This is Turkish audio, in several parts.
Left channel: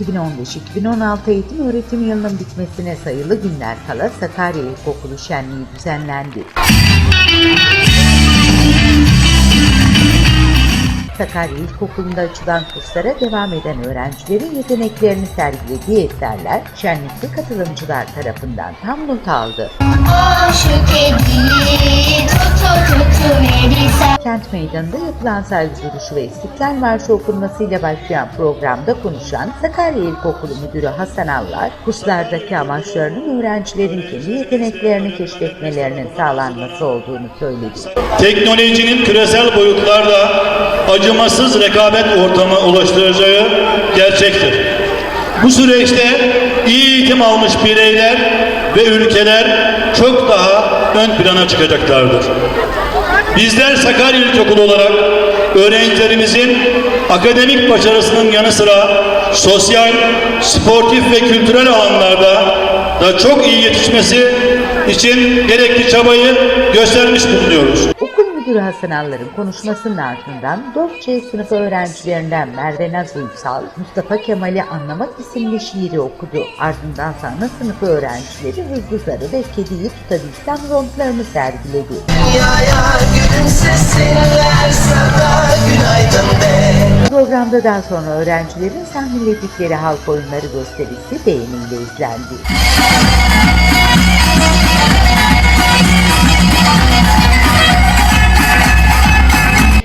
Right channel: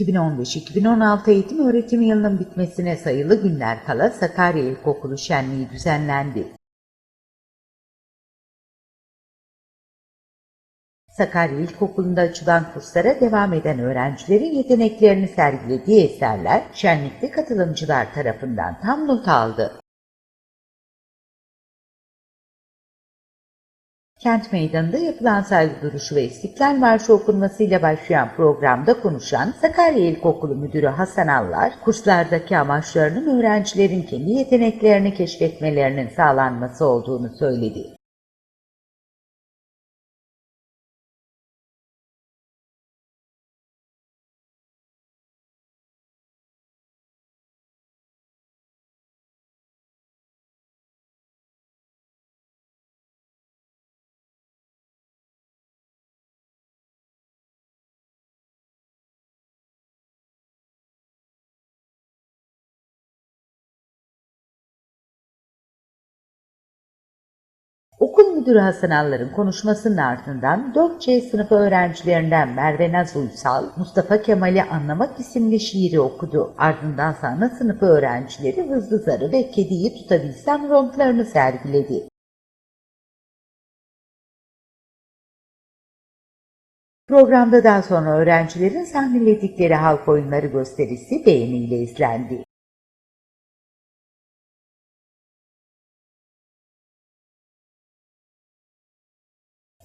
2015-2016 eğitim öğretim yılının bitmesine sayılı günler kala Sakarya İlkokulu Şenliği düzenlendi. Sakarya İlkokulu'nda açılan kurslara devam eden öğrencilerin yeteneklerini sergilediği eserler şenlikte katılımcılar tarafından tam not aldı. O şu Kent Meydanı'nda yapılan saygı duruşu ve İstiklal Marşı okunmasıyla başlayan programda konuşan Sakarya İlkokulu Müdürü Hasan Allar, kurslardaki amaçlarının öğrencilerin kendi yeteneklerini keşfetmelerinin sağlanması olduğunu söyledi. teknolojinin küresel boyutlarla acımasız rekabet ortamı oluşturacağı gerçektir. Bu süreçte iyi eğitim almış bireyler ve ülkeler çok daha ön plana çıkacaklardır. Bizler Sakarya İlkokulu olarak öğrencilerimizin akademik başarısının yanı sıra sosyal, sportif ve kültürel alanlarda da çok iyi yetişmesi için gerekli çabayı göstermiş bulunuyoruz. Okul Müdürü Hasan Allar'ın konuşmasının ardından 4C sınıfı öğrencilerinden Merve Naz Uysal, Mustafa Kemal'i Anlamak isimli şiiri okudu. Ardından sana sınıfı öğrencileri Hızlı Zarı ve Kediyi Tutabilsem romplarını sergiledi. Günaydın de Programda daha sonra öğrencilerin sahneledikleri halk oyunları gösterisi beğeniyle izlendi.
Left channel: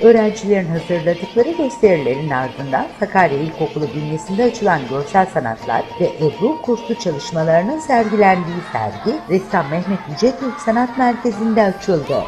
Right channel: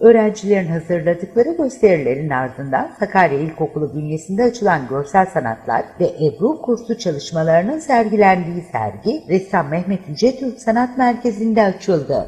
Öğrencilerin hazırladıkları gösterilerin ardından Sakarya İlkokulu bünyesinde açılan görsel sanatlar ve Ebru kursu çalışmalarının sergilendiği sergi Ressam Mehmet Yüce Türk Sanat Merkezi'nde açıldı.